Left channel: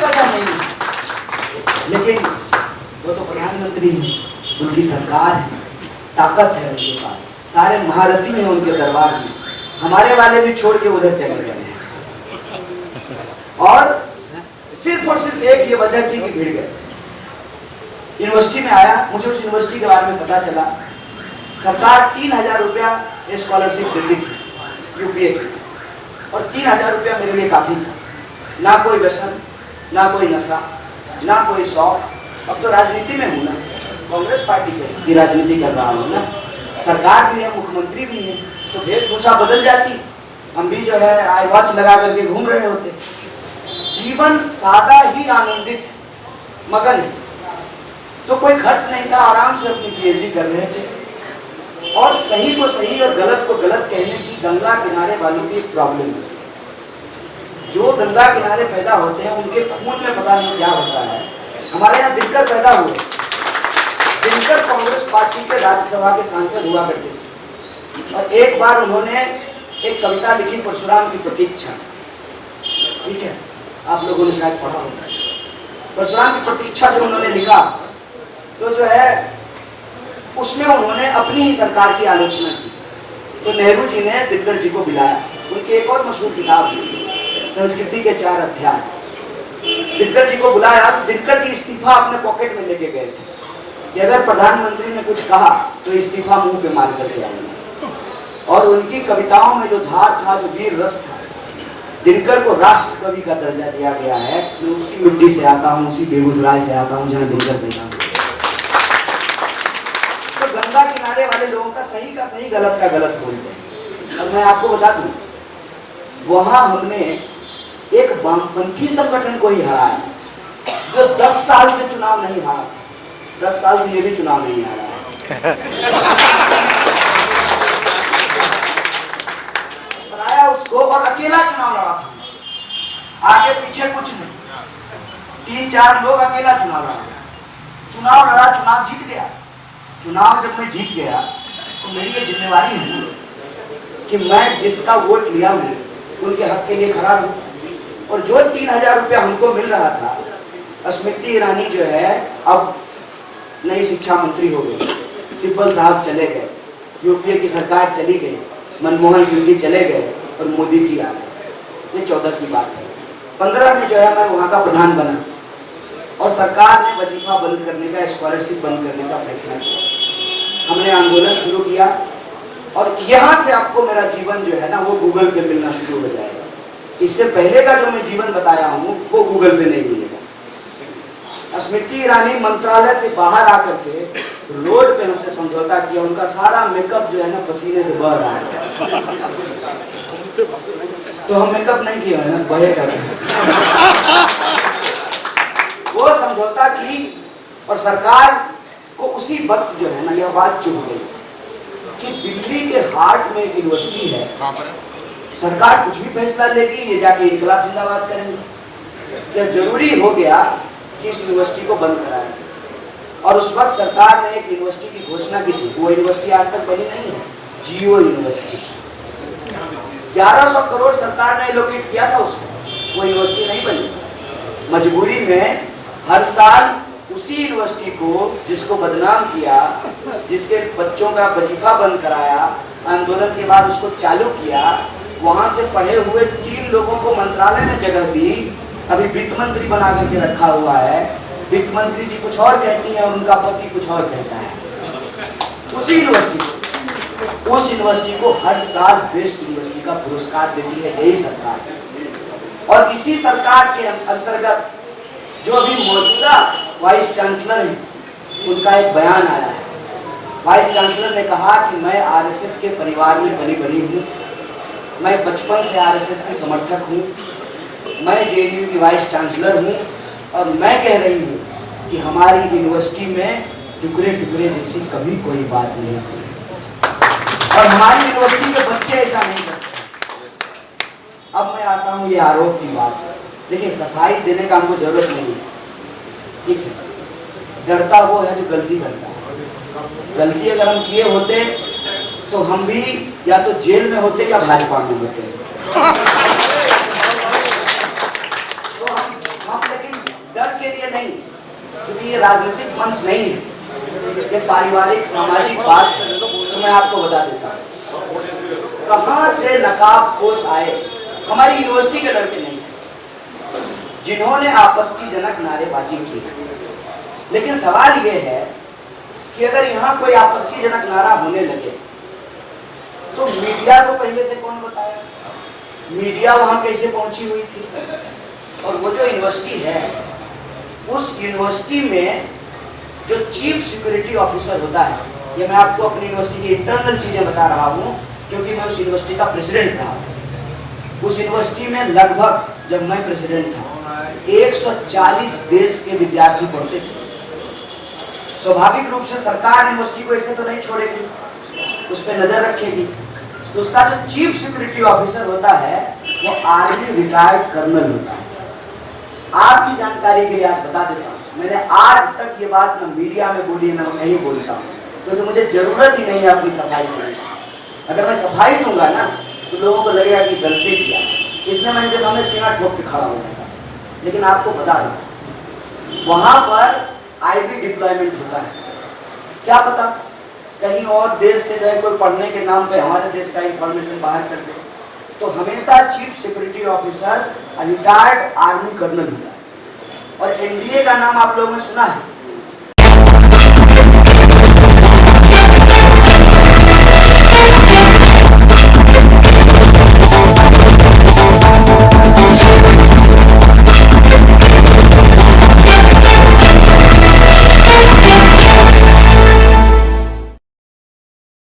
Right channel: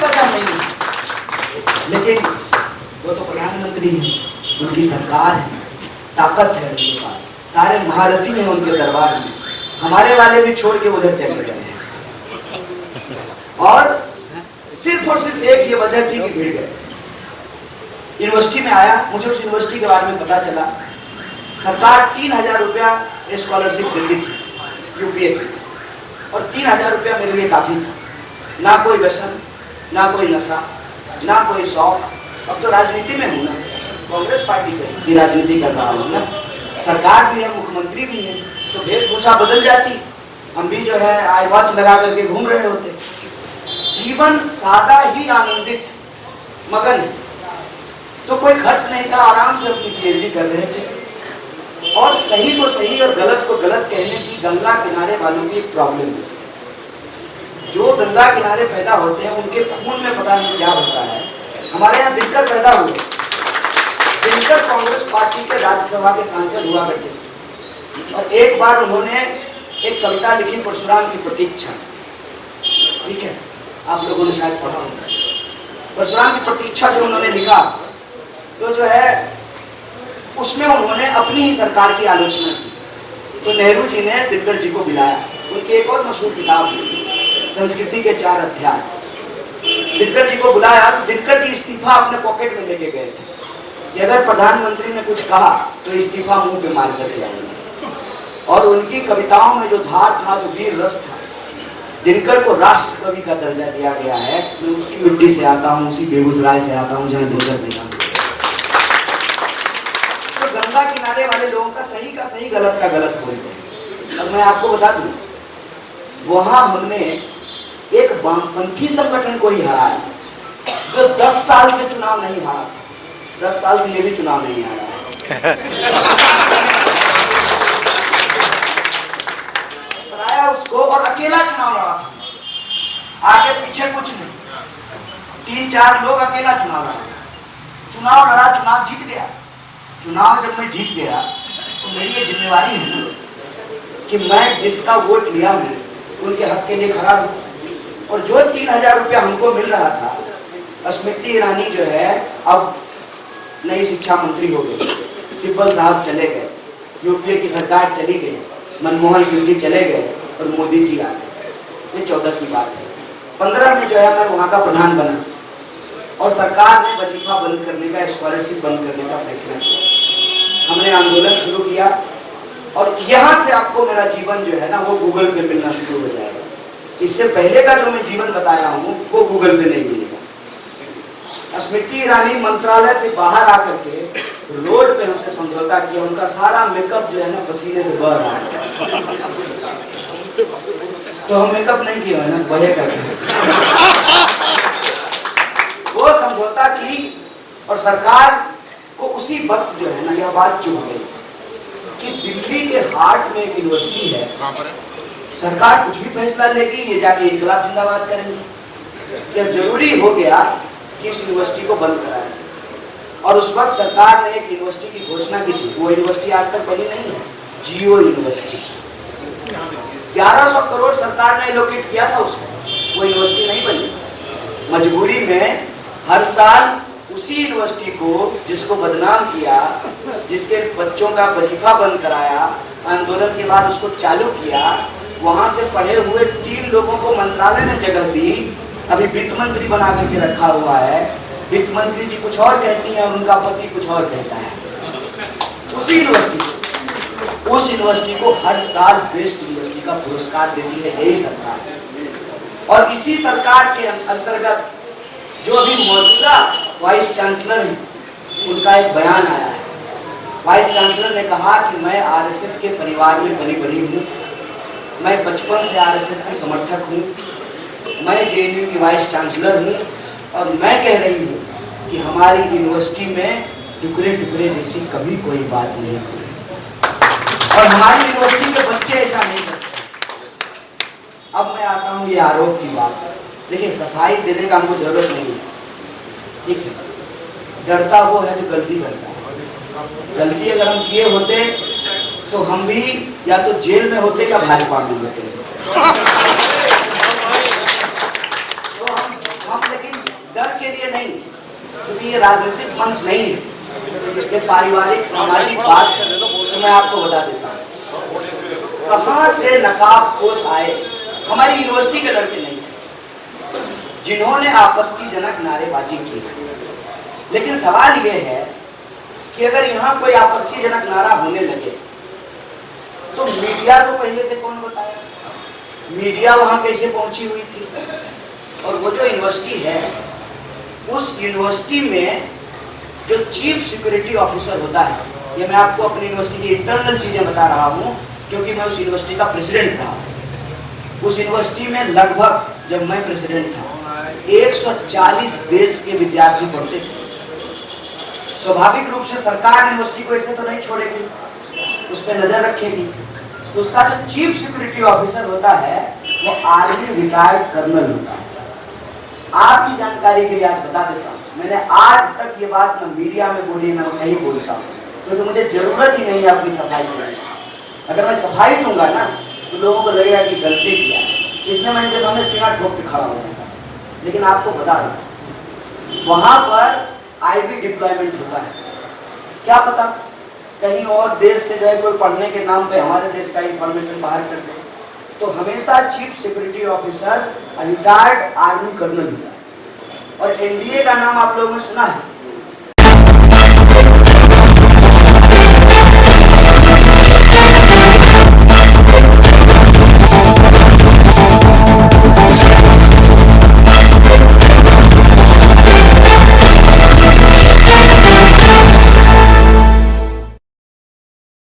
कदम नहीं है, लेकिन वो तो प्रधानमंत्री है, उनकी सरकार है, ताकत है उनके पास, सारे महारथी हैं उनके दरबार में। हमारे वाले भी छोड़ के उधर चले गए हैं, और सिर्फ एक ये वजह थी कि भिड़ गए। यूनिवर्सिटी में आया, मुझे उस यूनिवर्सिटी के बारे में पता चला, सरकार 3000 रुपया स्कॉलरशिप देती थी यूपीए की, और 3000 रुपया मेरे लिए काफ़ी था। ना कोई व्यसन, ना कोई नशा, ना कोई शौक। अब तो राजनीति में हूँ ना, कांग्रेस पार्टी की राजनीति कर रहा हूँ ना, सरकार भी है, मुख्यमंत्री भी है, तो वेशभूषा बदल जाती, हम भी जो है आई वॉच लगा करके घूम रहे होते। जीवन सादा ही आनंदित, मगन है, तो कोई खर्च नहीं था, आराम से अपनी पीएचडी कर रहे थे। और सही को सही और गलत को गलत कहने की गंगा किनारे वालों की एक प्रॉब्लम होती है। जो गंगा किनारे पैदा होते हैं उनके खून में पता नहीं क्या होता है। हमारे यहाँ दिनकर पैदा हुए, दिनकर कांग्रेस पार्टी के राज्यसभा के सांसद हुआ करते थे, और एक बार उन्होंने एक कविता लिखी, परशुराम की प्रतीक्षा। ठीक है, आप लोगों ने शायद पढ़ा होगा। परशुराम की प्रतीक्षा जो उन्होंने लिखा, तो जो है उसमें उन्होंने अपनी ही सरकार की आलोचना की। तो नेहरू जी ने दिनकर जी को बुलाया, उनकी एक और मशहूर किताब है संस्कृति के 4 अध्याय। दिनकर जी को बुलाया तो दिनकर जी इस्तीफा अपने पॉकेट में लेके गए थे कि अगर प्रधानमंत्री ने कुछ कहा तो इस्तीफा मुंह पे मार करके आएंगे। और उनकी कविताओं में जो धार था, जो वीर रस था, दिनकर को राष्ट्र कवि का दर्जा दिया गया है। मैं उसी मिट्टी से आता हूँ, उसी बेगूसराय से आता हूँ जहाँ दिनकर पैदा हुआ। तो गंगा किनारे वाले लोगों का सही गलत का गलत बोलते हैं। अब मैं आपको बता दूं, वहां हमने एक वामपंथी संगठन को ही हराया जो 10 साल से चुनाव नहीं हारा था। 10 साल से ये भी चुनाव नहीं हारा है। हराया उसको, और अकेला चुनाव लड़ा था, आगे पीछे कुछ नहीं, 3-4 लोग अकेला चुनाव लड़ा, चुनाव जीत गया। चुनाव जब मैं जीत गया तो मेरी ये जिम्मेवारी है ना कि मैं जिसका वोट लिया हूँ उनके हक के लिए खड़ा हूँ। और जो 3000 रुपया हमको मिल रहा था, स्मृति ईरानी जो है अब नई शिक्षा मंत्री हो गई, सिब्बल साहब चले गए, यूपीए की सरकार चली गई, मनमोहन सिंह जी चले गए और मोदी जी आ गए। ये 14 की बात है। 15 में जो है मैं वहाँ का प्रधान बना, और सरकार ने वजीफा बंद करने का, स्कॉलरशिप बंद करने का फैसला किया। हमने आंदोलन शुरू किया, और यहाँ से आपको मेरा जीवन जो है ना वो गूगल पे मिलना शुरू हो जाएगा। इससे पहले का जो मैं जीवन बताया हूँ वो गूगल पे नहीं मिलेगा। स्मृति ईरानी मंत्रालय से बाहर आकर के रोड पे हमसे समझौता किया, उनका सारा मेकअप जो है ना पसीने से बह रहा है। तो हम मेकअप नहीं किया है ना, बहे कर वो समझौता की, और सरकार को उसी वक्त जो है ना यह बात चुभ गई कि दिल्ली के हार्ट में एक यूनिवर्सिटी है, सरकार कुछ भी फैसला लेगी, ये जाके इनकलाब जिंदाबाद करेंगे। जब जरूरी हो गया कि इस यूनिवर्सिटी को बंद कराया जाए, और उस वक्त सरकार ने एक यूनिवर्सिटी की घोषणा की थी। वो यूनिवर्सिटी आज तक बनी नहीं है, जियो यूनिवर्सिटी। 1100 करोड़ सरकार ने एलोकेट किया था उसको, वो यूनिवर्सिटी नहीं बनी। मजबूरी में हर साल उसी यूनिवर्सिटी को, जिसको बदनाम किया, जिसके बच्चों का वजीफा बंद कराया, आंदोलन के बाद उसको चालू किया, वहां से पढ़े हुए 3 लोगों को मंत्रालय में जगह दी। अभी वित्त मंत्री बना करके रखा हुआ है। वित्त मंत्री जी कुछ और कहती हैं और उनका पति कुछ और कहता है। उसी यूनिवर्सिटी, उस यूनिवर्सिटी को हर साल बेस्ट यूनिवर्सिटी का पुरस्कार देती है यही सरकार। और इसी सरकार के अंतर्गत जो अभी मौजूदा वाइस चांसलर है, उनका एक बयान आया है। वाइस चांसलर ने कहा कि मैं आरएसएस के परिवार में पली बड़ी हूँ, मैं बचपन से आरएसएस की समर्थक हूँ, मैं जेएनयू की वाइस चांसलर हूँ, और मैं कह रही हूँ कि हमारी यूनिवर्सिटी में टुकड़े टुकड़े जैसी कभी कोई बात नहीं हुई, और हमारी यूनिवर्सिटी के बच्चे ऐसा नहीं करते। अब मैं आता हूँ ये आरोप की बात। देखिए, सफाई देने का हमको जरूरत नहीं है, ठीक है। डरता वो है जो गलती करता है। गलती अगर हम किए होते तो हम भी या तो जेल में होते या भाजपा में होते। तो हम लेकिन नहीं, क्योंकि ये राजनीतिक मंच नहीं है, ये पारिवारिक सामाजिक बात है। तो मैं आपको बता देता हूँ कहां से नकाबपोश आए। हमारी यूनिवर्सिटी के लड़के नहीं थे जिन्होंने आपत्तिजनक नारेबाजी की। लेकिन सवाल यह है कि अगर यहाँ कोई आपत्तिजनक नारा होने लगे तो मीडिया को पहले से कौन बताया, मीडिया वहां कैसे पहुंची हुई थी। और वो जो यूनिवर्सिटी है, उस यूनिवर्सिटी में जो चीफ सिक्योरिटी ऑफिसर होता है, ये मैं आपको अपनी यूनिवर्सिटी की इंटरनल चीजें बता रहा हूँ क्योंकि मैं उस यूनिवर्सिटी का प्रेसिडेंट रहा। उस यूनिवर्सिटी में लगभग, जब मैं प्रेसिडेंट था, 140 देश के विद्यार्थी पढ़ते थे। स्वाभाविक रूप से सरकार यूनिवर्सिटी को ऐसे तो नहीं छोड़ेगी, उस पर नजर रखेगी। तो उसका जो चीफ सिक्योरिटी ऑफिसर होता है वो आर्मी रिटायर्ड कर्नल होता है। आपकी जानकारी के लिए आज बता देता हूँ, मैंने आज तक ये बात न मीडिया में बोली न कहीं बोलता हूँ, क्योंकि मुझे जरूरत ही नहीं है अपनी सफाई करने की। अगर मैं सफाई दूंगा ना तो लोगों को लगेगा कि गलती किया, इसमें मैं इनके सामने सीना ठोक के खड़ा हो जाएगा। लेकिन आपको बता दूं, वहां पर आईबी डिप्लॉयमेंट होता है। क्या पता कहीं और देश से जाए कोई पढ़ने के नाम पे हमारे देश का इंफॉर्मेशन बाहर कर दे। तो हमेशा chief security officer retired army colonel होता है। और एनडीए का नाम आप लोगों ने सुना है,